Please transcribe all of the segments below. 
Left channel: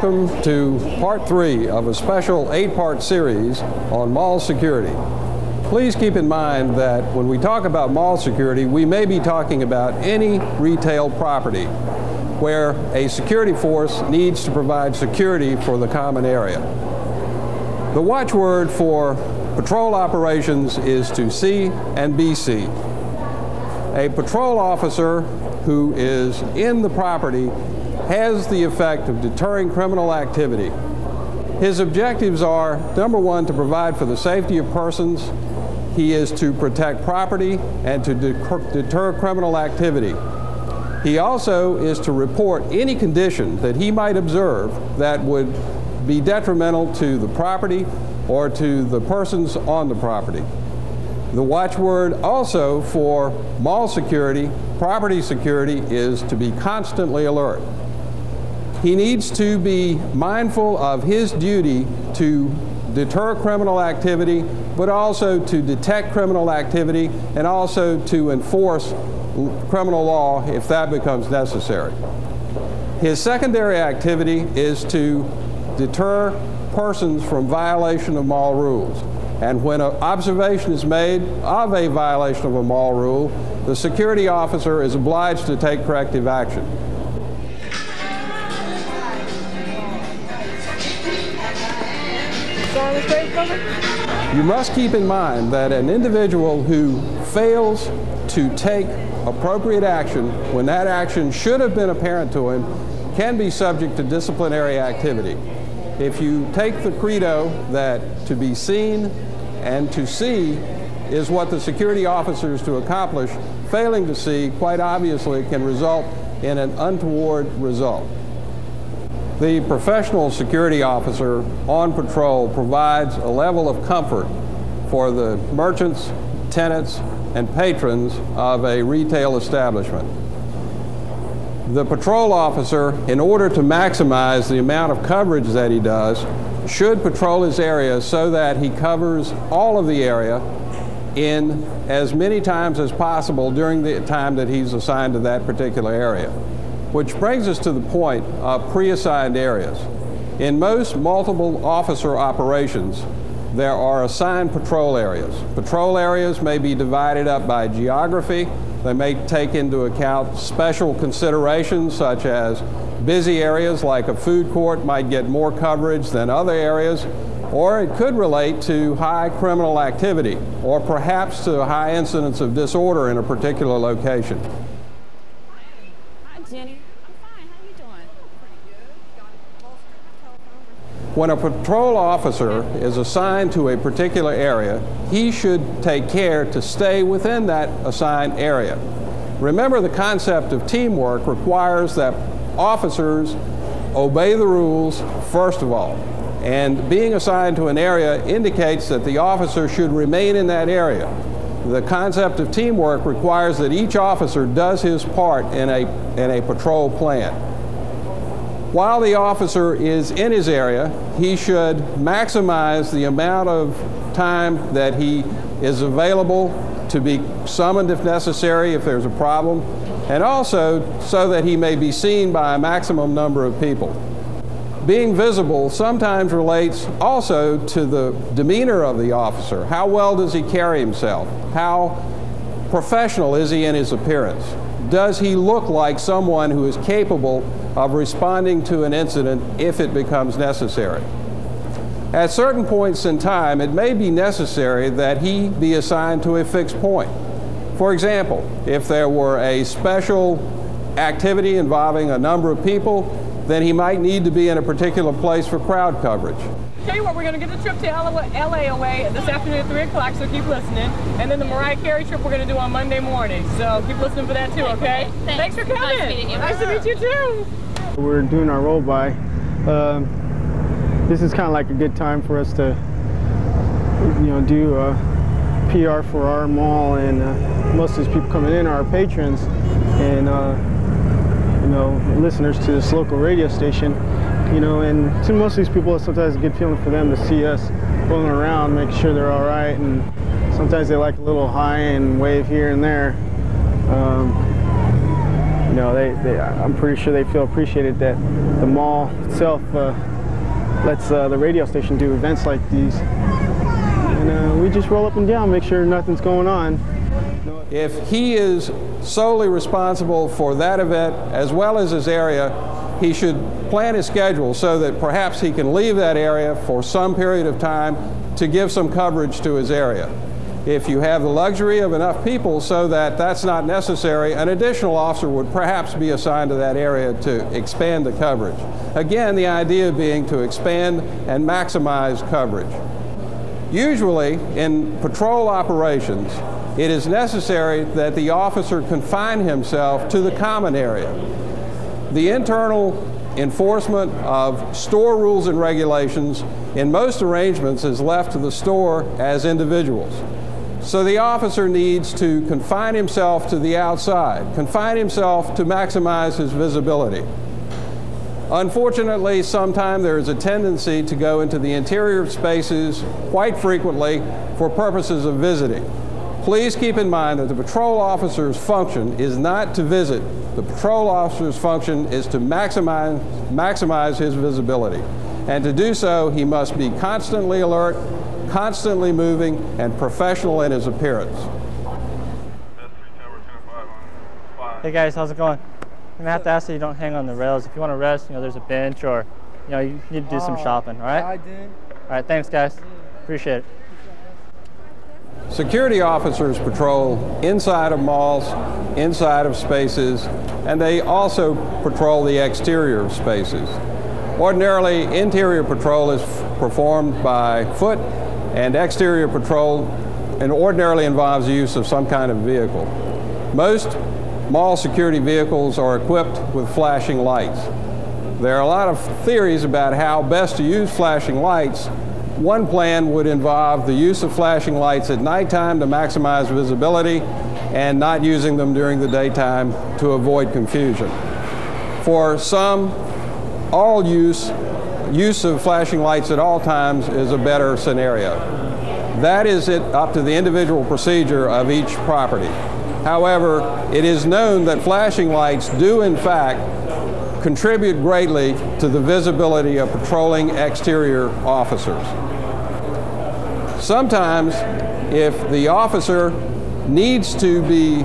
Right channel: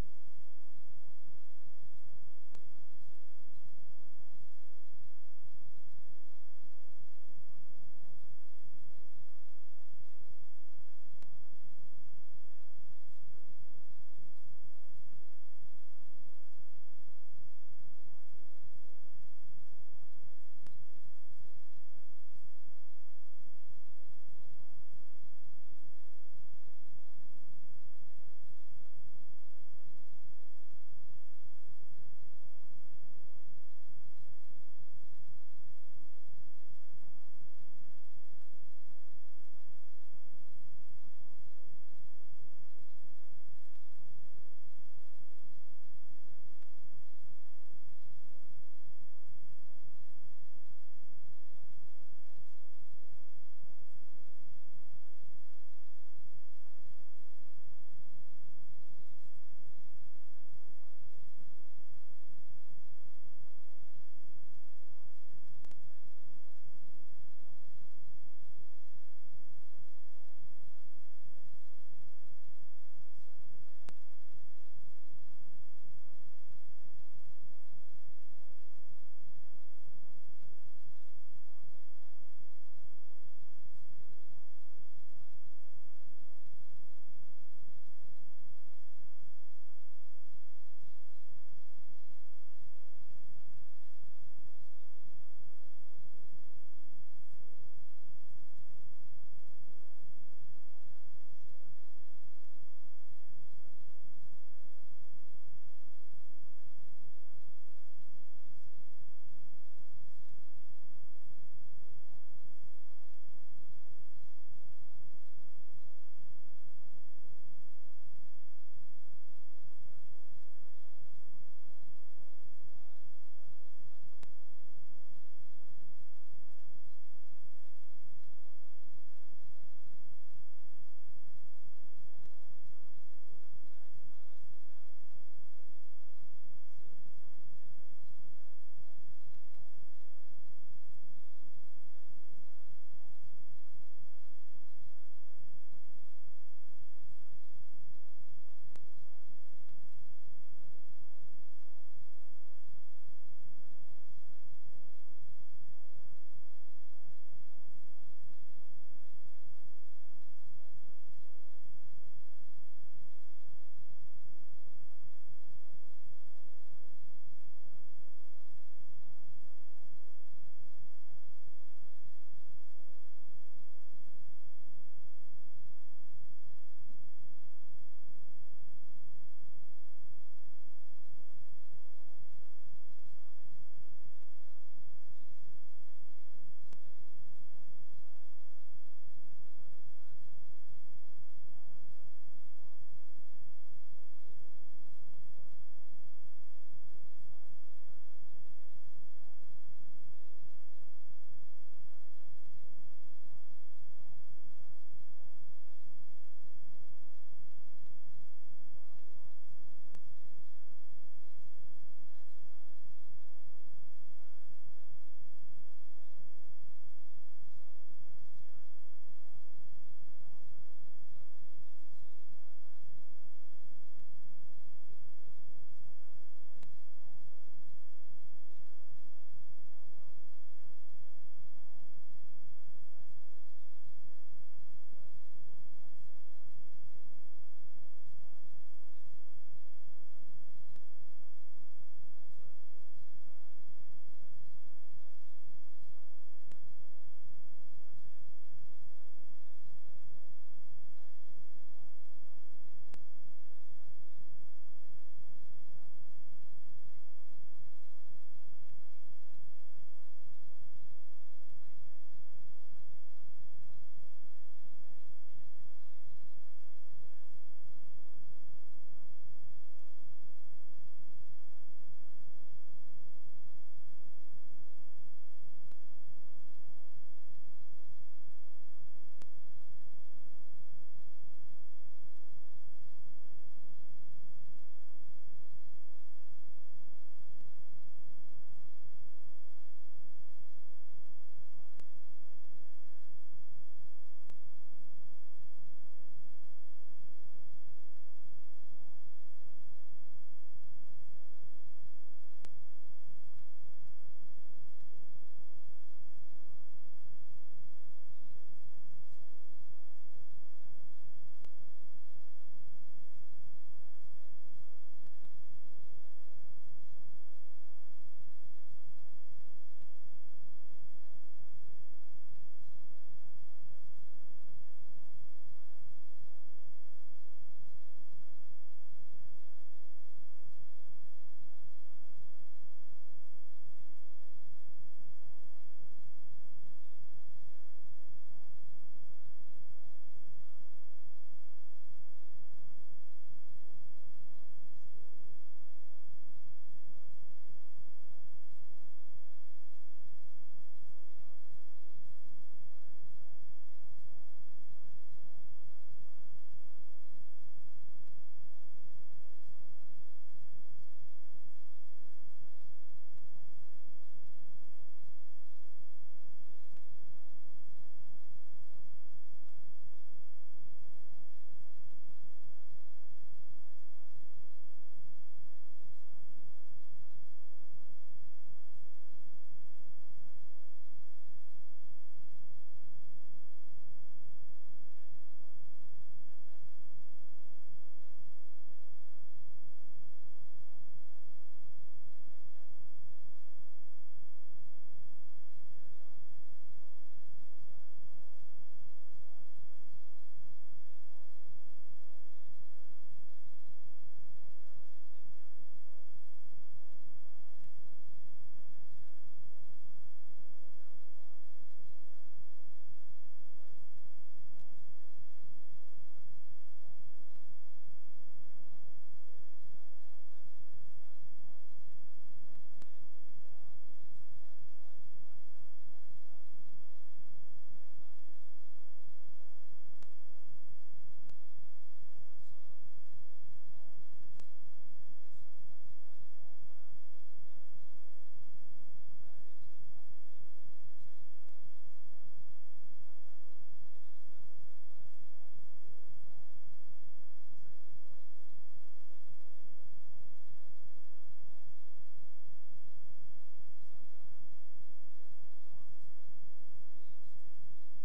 Welcome to part 3 of a special 8-part series on mall security. Please keep in mind that when we talk about mall security, we may be talking about any retail property where a security force needs to provide security for the common area. The watchword for patrol operations is to see and be seen. A patrol officer who is in the property has the effect of deterring criminal activity. His objectives are, number one, to provide for the safety of persons. He is to protect property and to deter criminal activity. He also is to report any condition that he might observe that would be detrimental to the property or to the persons on the property. The watchword also for mall security, property security, is to be constantly alert. He needs to be mindful of his duty to deter criminal activity, but also to detect criminal activity and also to enforce criminal law if that becomes necessary. His secondary activity is to deter persons from violation of mall rules. And when an observation is made of a violation of a mall rule, the security officer is obliged to take corrective action. You must keep in mind that an individual who fails to take appropriate action when that action should have been apparent to him can be subject to disciplinary activity. If you take the credo that to be seen and to see is what the security officer is to accomplish, failing to see, quite obviously, can result in an untoward result. The professional security officer on patrol provides a level of comfort for the merchants, tenants, and patrons of a retail establishment. The patrol officer, in order to maximize the amount of coverage that he does, should patrol his area so that he covers all of the area in as many times as possible during the time that he's assigned to that particular area. Which brings us to the point of pre-assigned areas. In most multiple officer operations, there are assigned patrol areas. Patrol areas may be divided up by geography. They may take into account special considerations such as busy areas like a food court might get more coverage than other areas, or it could relate to high criminal activity or perhaps to a high incidence of disorder in a particular location. When a patrol officer is assigned to a particular area, he should take care to stay within that assigned area. Remember, the concept of teamwork requires that officers obey the rules first of all. And being assigned to an area indicates that the officer should remain in that area. The concept of teamwork requires that each officer does his part in a patrol plan. While the officer is in his area, he should maximize the amount of time that he is available to be summoned if necessary, if there's a problem, and also so that he may be seen by a maximum number of people. Being visible sometimes relates also to the demeanor of the officer. How well does he carry himself? How professional is he in his appearance? Does he look like someone who is capable of responding to an incident if it becomes necessary? At certain points in time, it may be necessary that he be assigned to a fixed point. For example, if there were a special activity involving a number of people, then he might need to be in a particular place for crowd coverage. Tell you what, we're going to get the trip to LA away this afternoon at 3 o'clock, so keep listening. And then the Mariah Carey trip we're going to do on Monday morning. So keep listening for that too, okay? Thanks for coming. Nice meeting you. Nice to meet you too. We're doing our roll by. This is kind of like a good time for us to, do PR for our mall, and most of these people coming in are our patrons and listeners to this local radio station. And to most of these people, it's sometimes a good feeling for them to see us rolling around, make sure they're all right, and sometimes they like a little high and wave here and there. you know, I'm pretty sure they feel appreciated that the mall itself lets the radio station do events like these. And we just roll up and down, make sure nothing's going on. If he is solely responsible for that event as well as his area, he should plan his schedule so that perhaps he can leave that area for some period of time to give some coverage to his area. If you have the luxury of enough people so that that's not necessary, an additional officer would perhaps be assigned to that area to expand the coverage. Again, the idea being to expand and maximize coverage. Usually, in patrol operations, it is necessary that the officer confine himself to the common area. The internal enforcement of store rules and regulations in most arrangements is left to the store as individuals. So the officer needs to confine himself to the outside, confine himself to maximize his visibility. Unfortunately, sometimes there is a tendency to go into the interior spaces quite frequently for purposes of visiting. Please keep in mind that the patrol officer's function is not to visit. The patrol officer's function is to maximize his visibility. And to do so, he must be constantly alert, constantly moving, and professional in his appearance. Hey guys, how's it going? I'm gonna have to ask that you don't hang on the rails. If you want to rest, you know, there's a bench, or you know, you need to do some shopping. All right? I did. All right, thanks guys. Appreciate it. Security officers patrol inside of malls, inside of spaces, and they also patrol the exterior of spaces. Ordinarily, interior patrol is performed by foot, and exterior patrol ordinarily involves the use of some kind of vehicle. Most mall security vehicles are equipped with flashing lights. There are a lot of theories about how best to use flashing lights. One plan would involve the use of flashing lights at nighttime to maximize visibility and not using them during the daytime to avoid confusion. For some, all use of flashing lights at all times is a better scenario. That is up to the individual procedure of each property. However, it is known that flashing lights do in fact contribute greatly to the visibility of patrolling exterior officers. Sometimes, if the officer needs to be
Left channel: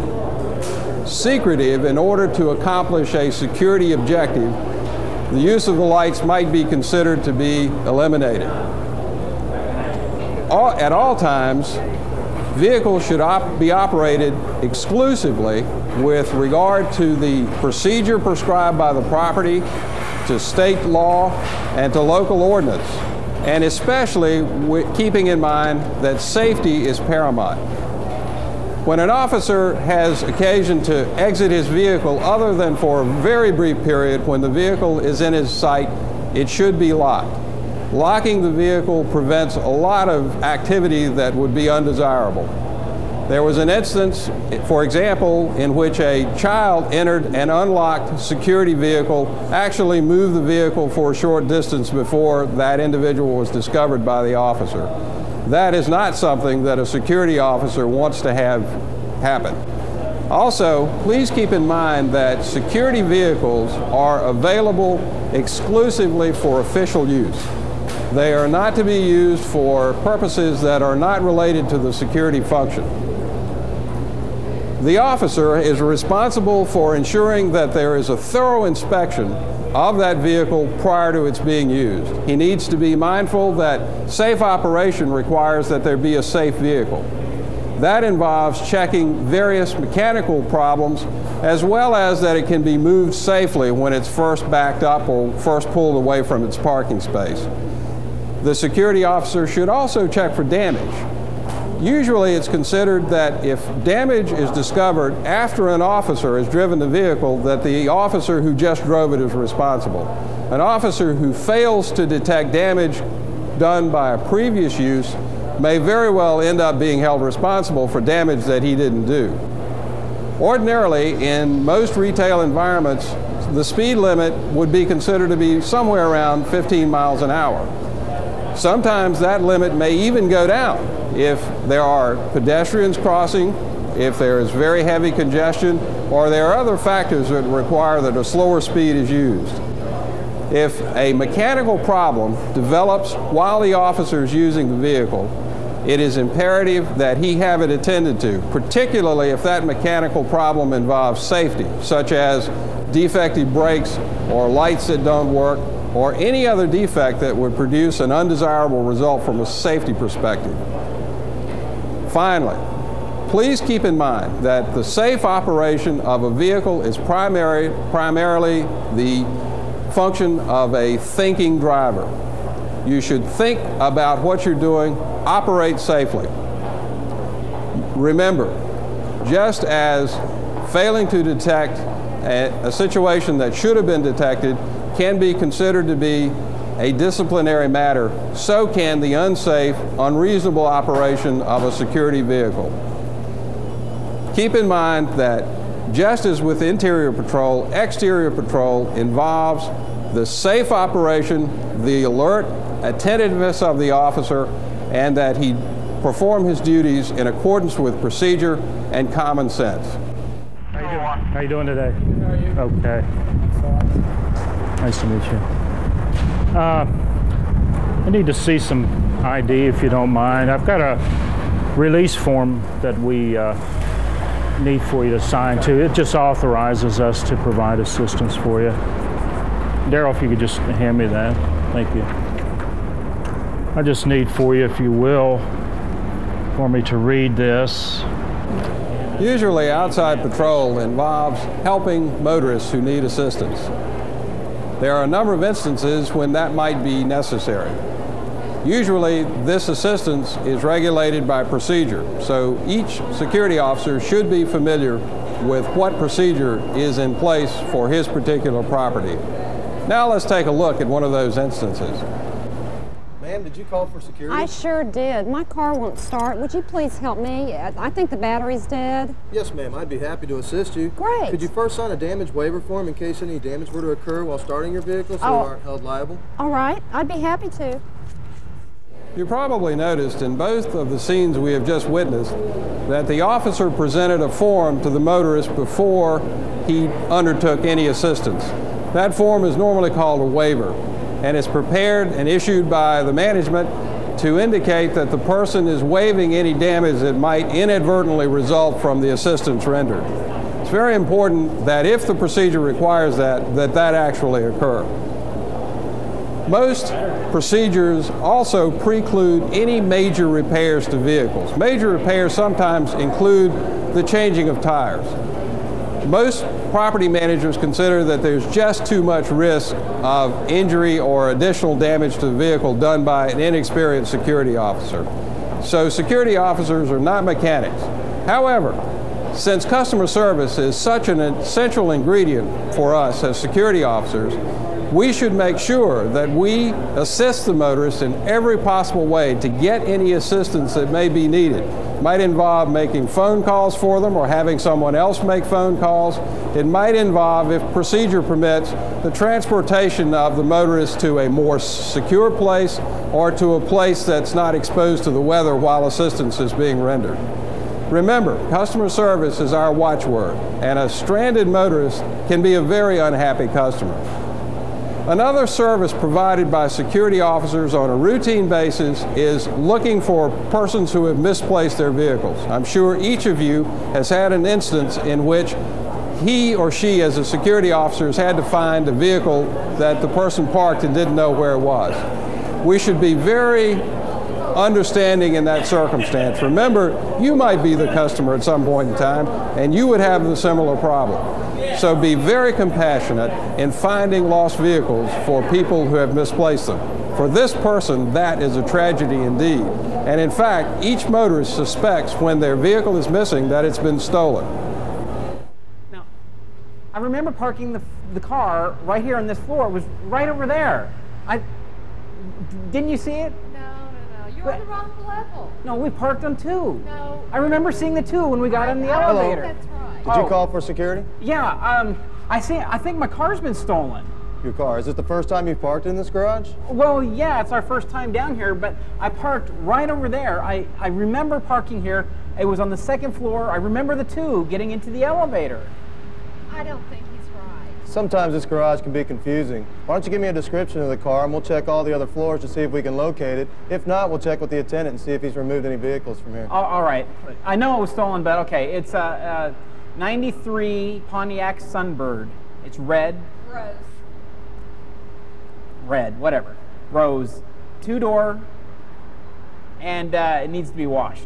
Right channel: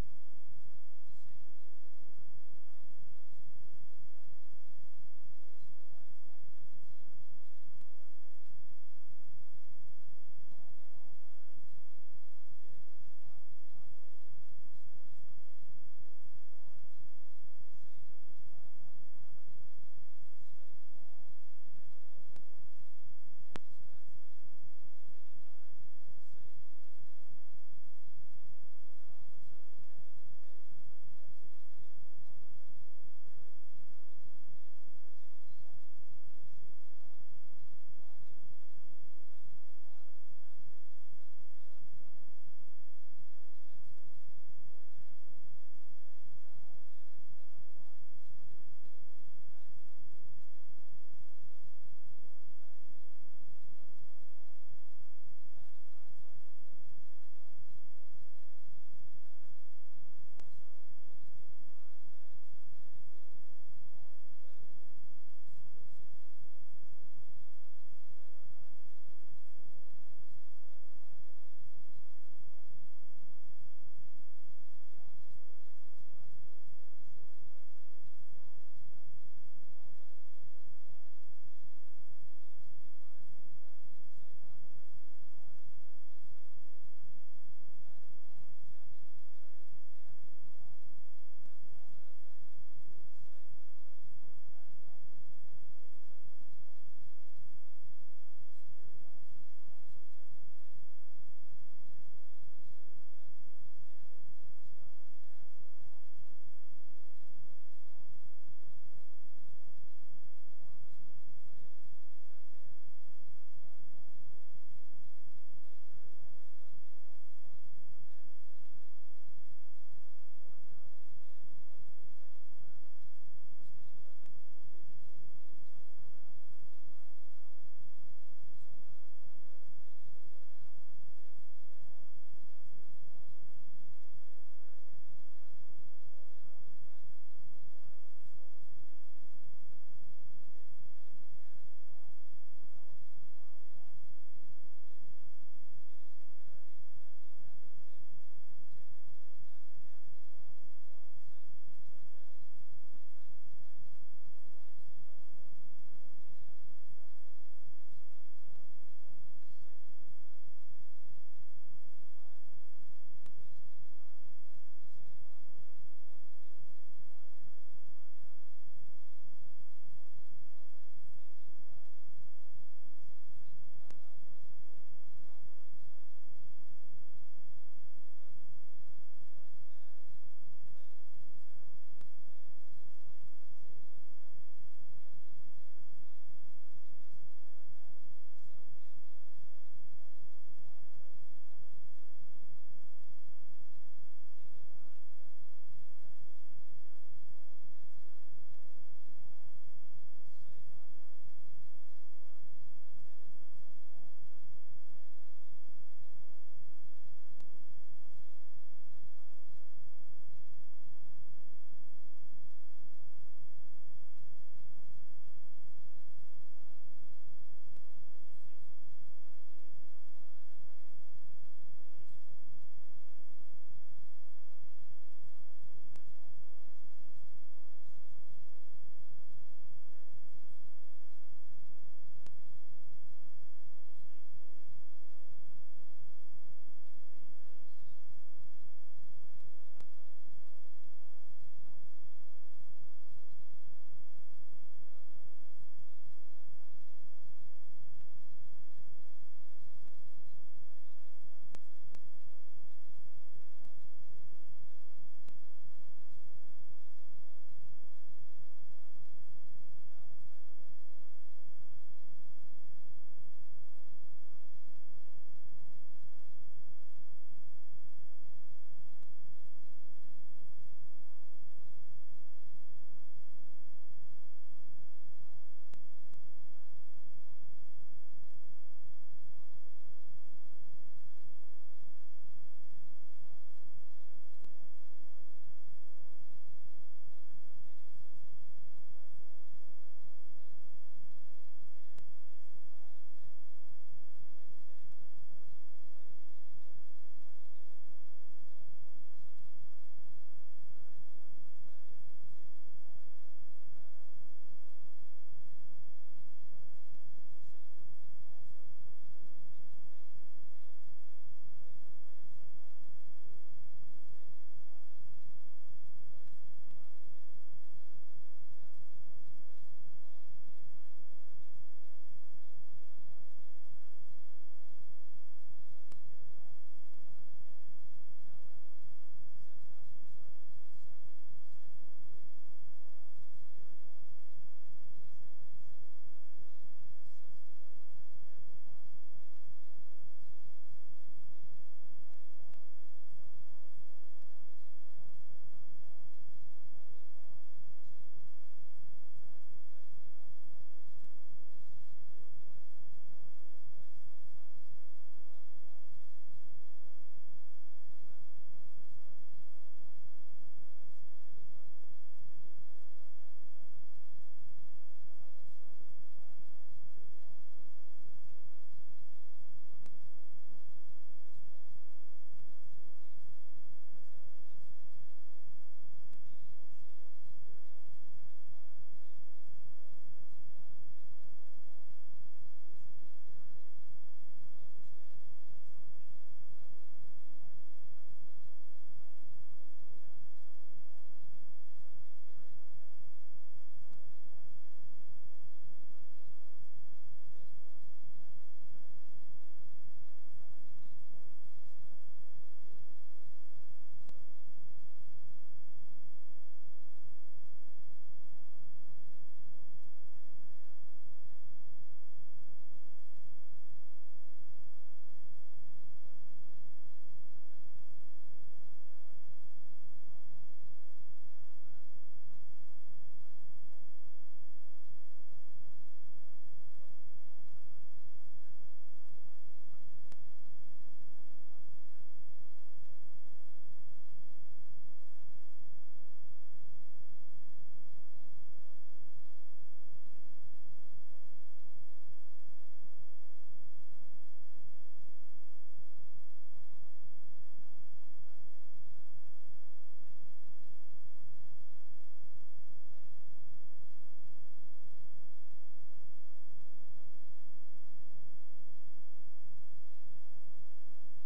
secretive in order to accomplish a security objective, the use of the lights might be considered to be eliminated. At all times, vehicles should be operated exclusively with regard to the procedure prescribed by the property, to state law, and to local ordinance, and especially keeping in mind that safety is paramount. When an officer has occasion to exit his vehicle other than for a very brief period when the vehicle is in his sight, it should be locked. Locking the vehicle prevents a lot of activity that would be undesirable. There was an instance, for example, in which a child entered an unlocked security vehicle, actually moved the vehicle for a short distance before that individual was discovered by the officer. That is not something that a security officer wants to have happen. Also, please keep in mind that security vehicles are available exclusively for official use. They are not to be used for purposes that are not related to the security function. The officer is responsible for ensuring that there is a thorough inspection of that vehicle prior to its being used. He needs to be mindful that safe operation requires that there be a safe vehicle. That involves checking various mechanical problems, as well as that it can be moved safely when it's first backed up or first pulled away from its parking space. The security officer should also check for damage. Usually it's considered that if damage is discovered after an officer has driven the vehicle, that the officer who just drove it is responsible. An officer who fails to detect damage done by a previous use may very well end up being held responsible for damage that he didn't do. Ordinarily, in most retail environments, the speed limit would be considered to be somewhere around 15 miles an hour. Sometimes that limit may even go down if there are pedestrians crossing if there is very heavy congestion, or there are other factors that require that a slower speed is used. If a mechanical problem develops while the officer is using the vehicle, it is imperative that he have it attended to, particularly if that mechanical problem involves safety, such as defective brakes or lights that don't work, or any other defect that would produce an undesirable result from a safety perspective. Finally, please keep in mind that the safe operation of a vehicle is primarily the function of a thinking driver. You should think about what you're doing, operate safely. Remember, just as failing to detect a situation that should have been detected can be considered to be a disciplinary matter, so can the unsafe, unreasonable operation of a security vehicle. Keep in mind that just as with interior patrol, exterior patrol involves the safe operation, the alert, attentiveness of the officer, and that he perform his duties in accordance with procedure and common sense. How you doing today? How are you? Okay. Nice to meet you. I need to see some ID if you don't mind. I've got a release form that we need for you to sign to. It just authorizes us to provide assistance for you. Daryl, if you could just hand me that. Thank you. I just need for you, if you will, for me to read this. Usually outside patrol involves helping motorists who need assistance. There are a number of instances when that might be necessary. Usually this assistance is regulated by procedure, so each security officer should be familiar with what procedure is in place for his particular property. Now let's take a look at one of those instances. Ma'am, did you call for security? I sure did. My car won't start. Would you please help me? I think the battery's dead. Yes, ma'am. I'd be happy to assist you. Great. Could you first sign a damage waiver form in case any damage were to occur while starting your vehicle so you aren't held liable? All right. I'd be happy to. You probably noticed in both of the scenes we have just witnessed that the officer presented a form to the motorist before he undertook any assistance. That form is normally called a waiver, and it's prepared and issued by the management to indicate that the person is waiving any damage that might inadvertently result from the assistance rendered. It's very important that if the procedure requires that actually occur. Most procedures also preclude any major repairs to vehicles. Major repairs sometimes include the changing of tires. Most property managers consider that there's just too much risk of injury or additional damage to the vehicle done by an inexperienced security officer. So security officers are not mechanics. However, since customer service is such an essential ingredient for us as security officers, we should make sure that we assist the motorists in every possible way to get any assistance that may be needed. It might involve making phone calls for them or having someone else make phone calls. It might involve, if procedure permits, the transportation of the motorist to a more secure place or to a place that's not exposed to the weather while assistance is being rendered. Remember, customer service is our watchword, and a stranded motorist can be a very unhappy customer. Another service provided by security officers on a routine basis is looking for persons who have misplaced their vehicles. I'm sure each of you has had an instance in which he or she, as a security officer, has had to find a vehicle that the person parked and didn't know where it was. We should be very understanding in that circumstance. Remember, you might be the customer at some point in time, and you would have the similar problem. So be very compassionate in finding lost vehicles for people who have misplaced them. For this person, that is a tragedy indeed. And in fact, each motorist suspects when their vehicle is missing that it's been stolen. Now, I remember parking the car right here on this floor. It was right over there. Didn't you see it? You're on the wrong level. No, we parked on 2. No. I remember seeing the 2 when we got in the elevator. That's right. Did you call for security? Yeah, I think my car's been stolen. Your car. Is it the first time you've parked in this garage? Well, yeah, it's our first time down here, but I parked right over there. I remember parking here It was on the second floor. I remember the two getting into the elevator. I don't think he's right. Sometimes this garage can be confusing. Why don't you give me a description of the car, and we'll check all the other floors to see if we can locate it. If not, we'll check with the attendant and see if he's removed any vehicles from here. All right. I know it was stolen, but okay. It's a 93 Pontiac Sunbird. It's red. Rose. Red, whatever. Rose. Two-door, and it needs to be washed.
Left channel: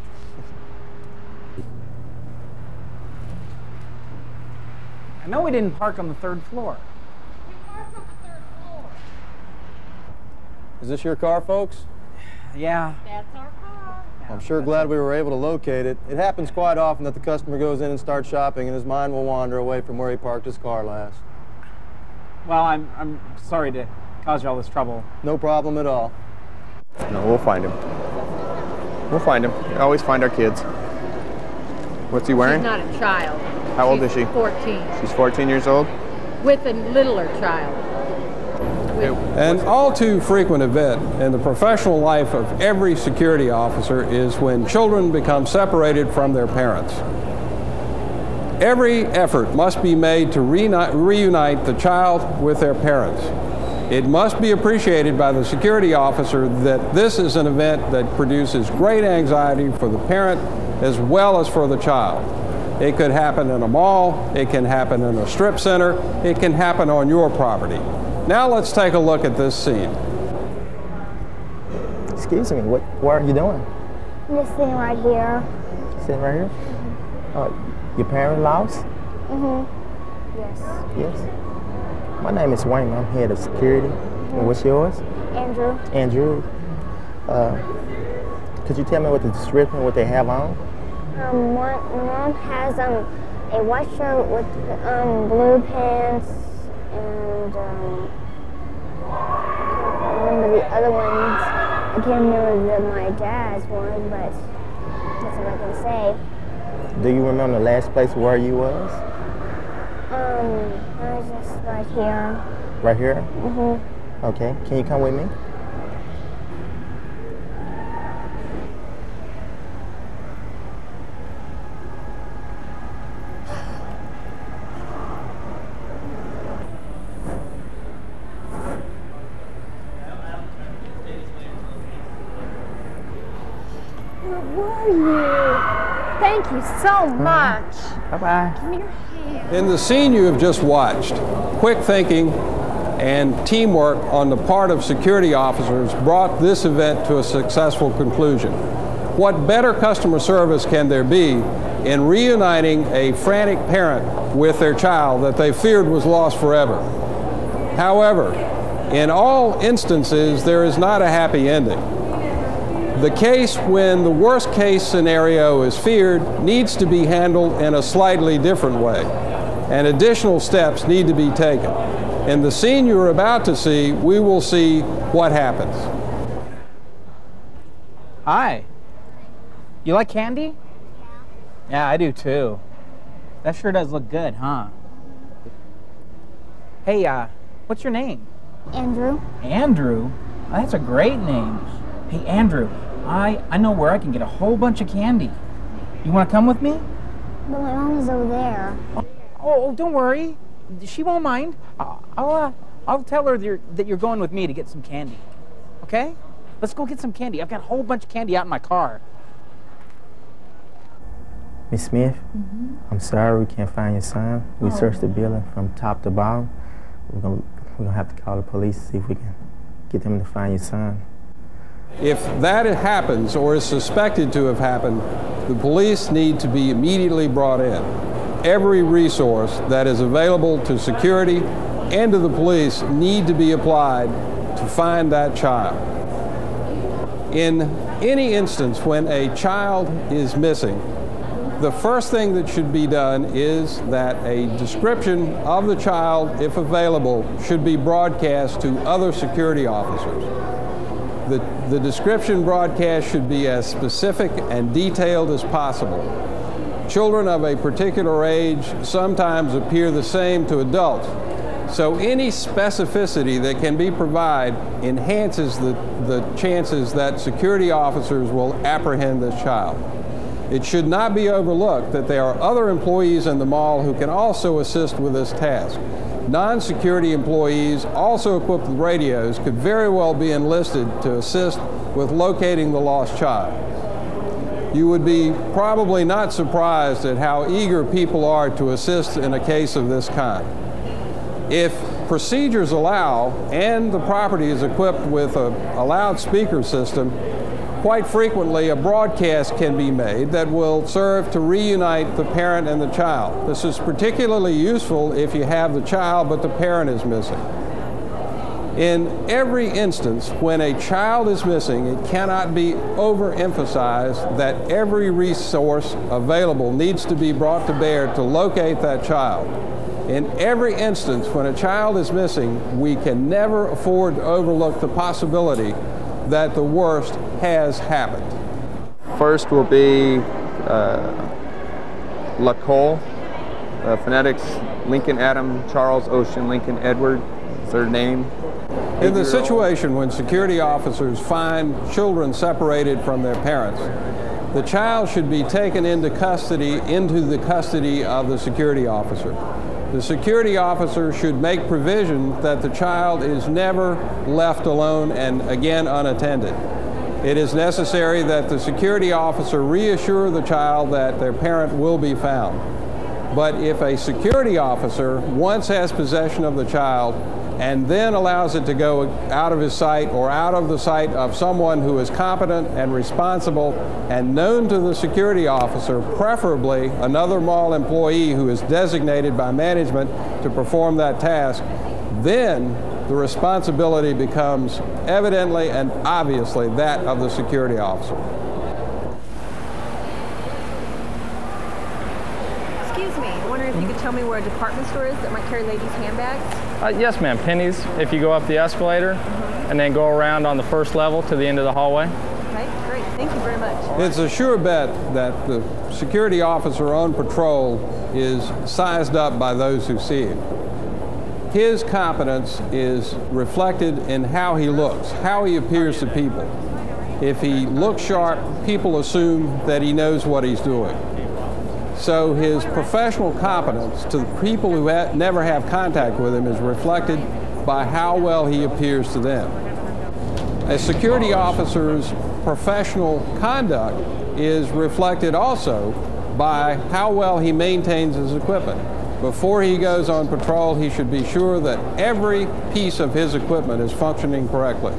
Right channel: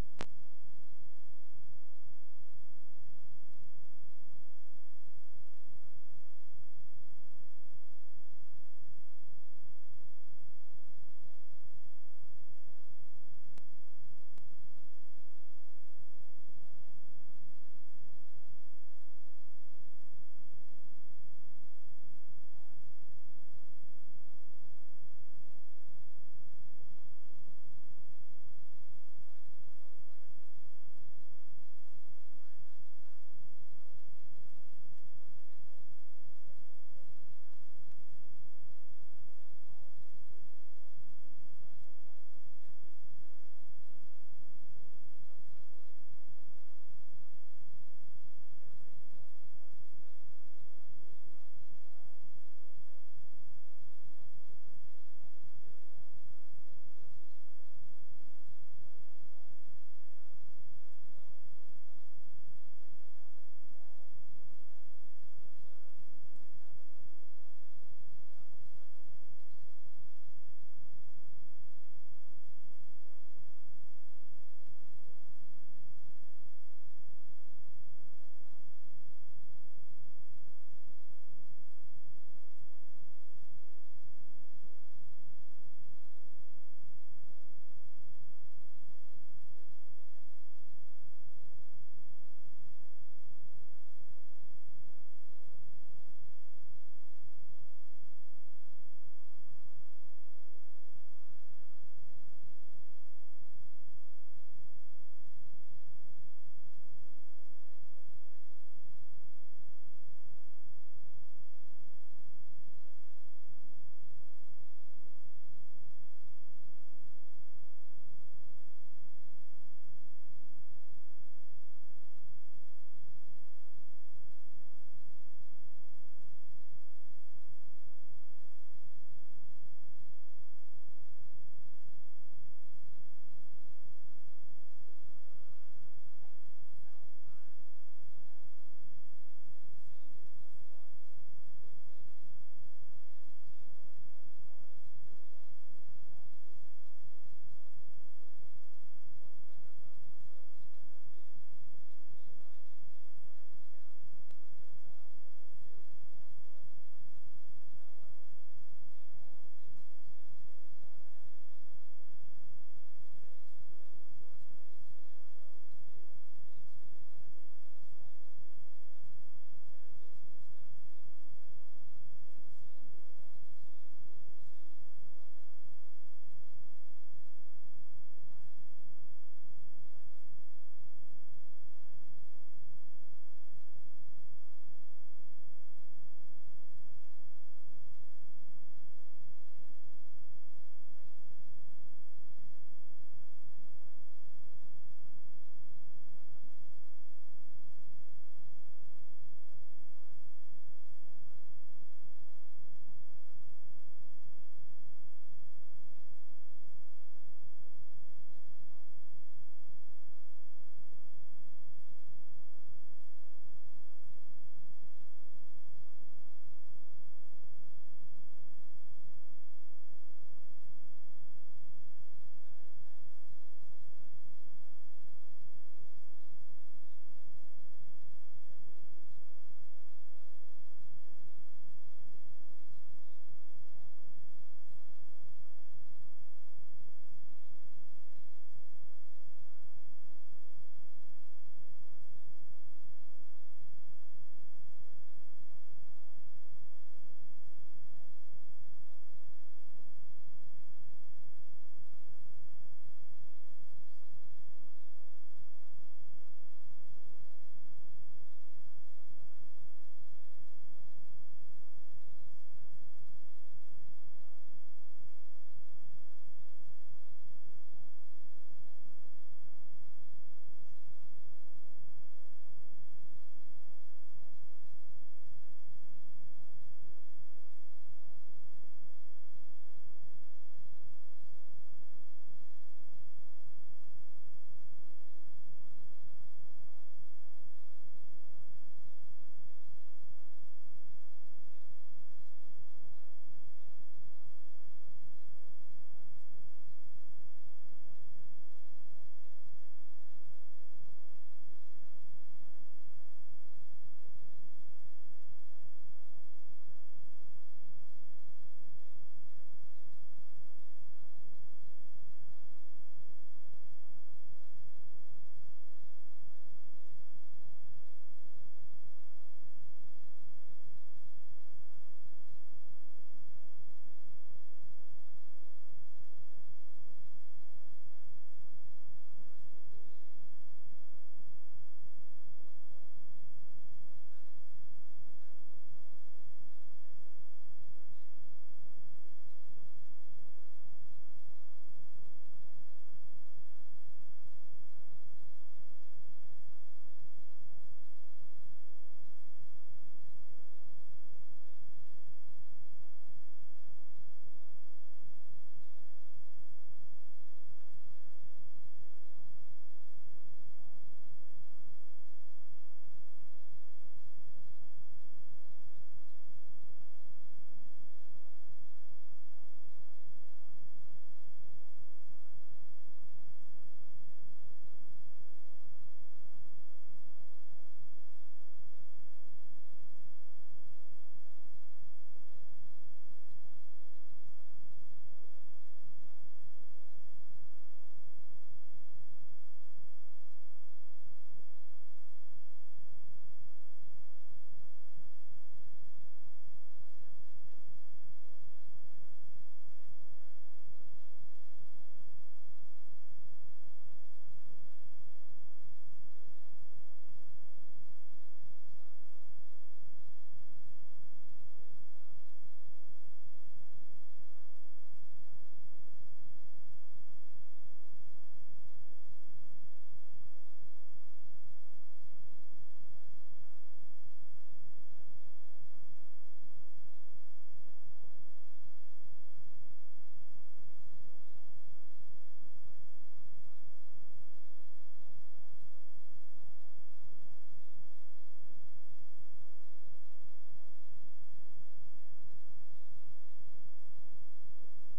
I know we didn't park on the third floor. We parked on the third floor. Is this your car, folks? Yeah. That's our car. I'm sure glad we were able to locate it. It happens quite often that the customer goes in and starts shopping and his mind will wander away from where he parked his car last. Well, I'm sorry to cause you all this trouble. No problem at all. No, we'll find him. We'll find him. We always find our kids. What's he wearing? She's not a child. How old is she? 14. She's 14 years old? With a littler child. An all too frequent event in the professional life of every security officer is when children become separated from their parents. Every effort must be made to reunite the child with their parents. It must be appreciated by the security officer that this is an event that produces great anxiety for the parent as well as for the child. It could happen in a mall, it can happen in a strip center, it can happen on your property. Now let's take a look at this scene. Excuse me, what are you doing? I'm just sitting right here. Sitting right here? Your parents' house? Mm-hmm. Yes. Yes. My name is Wayne. I'm head of security. And what's yours? Andrew. Andrew. Could you tell me what the description, what they have on? Mom has a white shirt with blue pants and I can't remember the other ones. I can't remember my dad's one, but that's what I can say. Do you remember the last place where you was? I was just right here. Right here? Mm-hmm. Okay. Can you come with me? Thank you so much. Bye-bye. Give me your hand. In the scene you have just watched, quick thinking and teamwork on the part of security officers brought this event to a successful conclusion. What better customer service can there be in reuniting a frantic parent with their child that they feared was lost forever? However, in all instances, there is not a happy ending. The case when the worst case scenario is feared needs to be handled in a slightly different way, and additional steps need to be taken. In the scene you're about to see, we will see what happens. Hi. You like candy? Yeah, I do too. That sure does look good, huh? Hey, what's your name? Andrew. Andrew? That's a great name. Hey, Andrew, I know where I can get a whole bunch of candy. You want to come with me? But my mom is over there. Oh, don't worry. She won't mind. I'll tell her that you're going with me to get some candy. Okay? Let's go get some candy. I've got a whole bunch of candy out in my car. Miss Smith, I'm sorry we can't find your son. We searched the building from top to bottom. We're gonna have to call the police to see if we can get them to find your son. If that happens or is suspected to have happened, the police need to be immediately brought in. Every resource that is available to security and to the police need to be applied to find that child. In any instance when a child is missing, the first thing that should be done is that a description of the child, if available, should be broadcast to other security officers. The description broadcast should be as specific and detailed as possible. Children of a particular age sometimes appear the same to adults, so any specificity that can be provided enhances the chances that security officers will apprehend this child. It should not be overlooked that there are other employees in the mall who can also assist with this task. Non-security employees, also equipped with radios, could very well be enlisted to assist with locating the lost child. You would be probably not surprised at how eager people are to assist in a case of this kind. If procedures allow and the property is equipped with a loudspeaker system, quite frequently a broadcast can be made that will serve to reunite the parent and the child. This is particularly useful if you have the child but the parent is missing. In every instance when a child is missing, it cannot be overemphasized that every resource available needs to be brought to bear to locate that child. In every instance when a child is missing, we can never afford to overlook the possibility that the worst has happened. First will be Lacole, phonetics, Lincoln Adam, Charles Ocean, Lincoln Edward, third name. In the situation when security officers find children separated from their parents, the child should be taken into the custody of the security officer. The security officer should make provision that the child is never left alone and again unattended. It is necessary that the security officer reassure the child that their parent will be found. But if a security officer once has possession of the child and then allows it to go out of his sight or out of the sight of someone who is competent and responsible and known to the security officer, preferably another mall employee who is designated by management to perform that task, then the responsibility becomes evidently and obviously that of the security officer. Excuse me, I wonder if you could tell me where a department store is that might carry ladies' handbags? Yes, ma'am. Penny's, if you go up the escalator and then go around on the first level to the end of the hallway. Okay, great. Thank you very much. It's a sure bet that the security officer on patrol is sized up by those who see him. His competence is reflected in how he looks, how he appears to people. If he looks sharp, people assume that he knows what he's doing. So his professional competence to the people who never have contact with him is reflected by how well he appears to them. A security officer's professional conduct is reflected also by how well he maintains his equipment. Before he goes on patrol, he should be sure that every piece of his equipment is functioning correctly.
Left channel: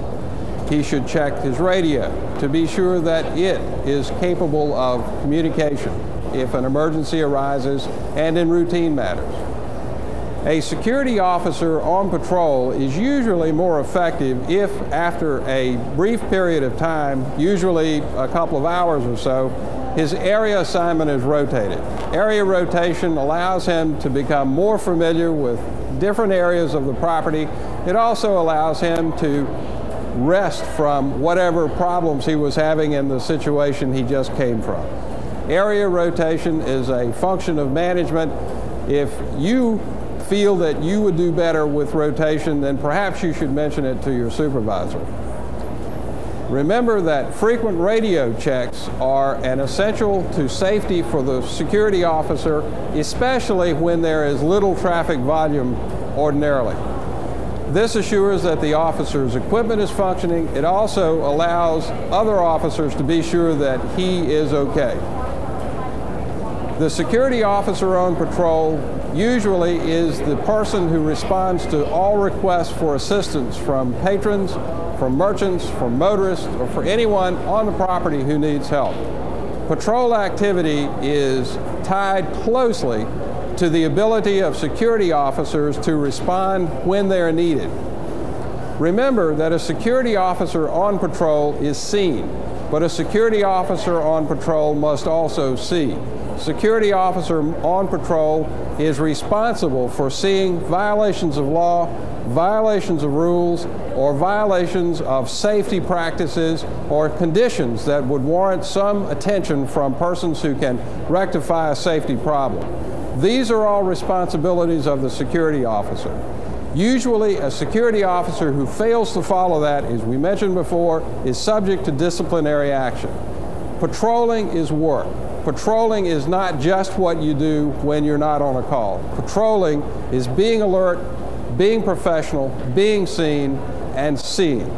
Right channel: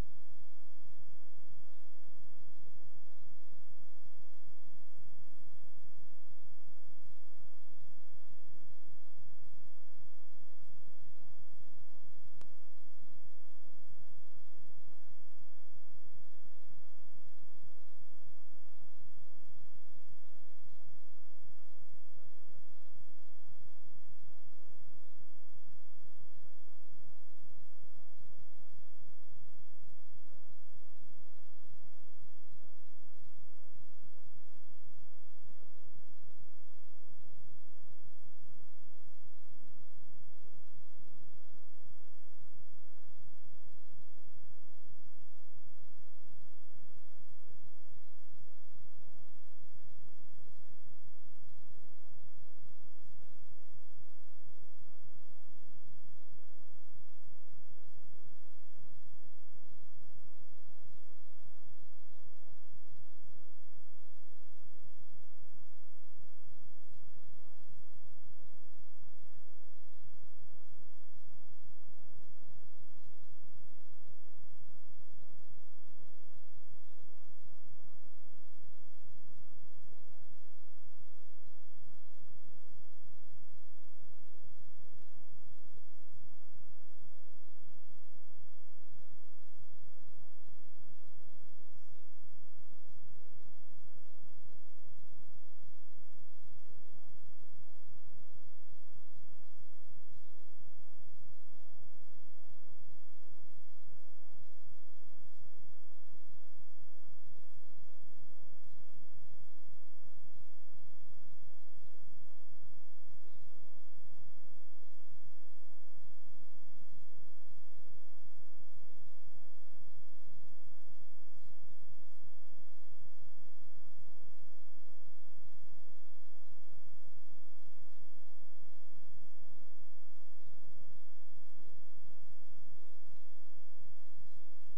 He should check his radio to be sure that it is capable of communication if an emergency arises and in routine matters. A security officer on patrol is usually more effective if, after a brief period of time, usually a couple of hours or so, his area assignment is rotated. Area rotation allows him to become more familiar with different areas of the property. It also allows him to rest from whatever problems he was having in the situation he just came from. Area rotation is a function of management. If you feel that you would do better with rotation, then perhaps you should mention it to your supervisor. Remember that frequent radio checks are an essential to safety for the security officer, especially when there is little traffic volume ordinarily. This assures that the officer's equipment is functioning. It also allows other officers to be sure that he is okay. The security officer on patrol usually is the person who responds to all requests for assistance from patrons, from merchants, from motorists, or for anyone on the property who needs help. Patrol activity is tied closely to the ability of security officers to respond when they're needed. Remember that a security officer on patrol is seen, but a security officer on patrol must also see. Security officer on patrol is responsible for seeing violations of law, violations of rules, or violations of safety practices or conditions that would warrant some attention from persons who can rectify a safety problem. These are all responsibilities of the security officer. Usually, a security officer who fails to follow that, as we mentioned before, is subject to disciplinary action. Patrolling is work. Patrolling is not just what you do when you're not on a call. Patrolling is being alert, being professional, being seen, and seeing.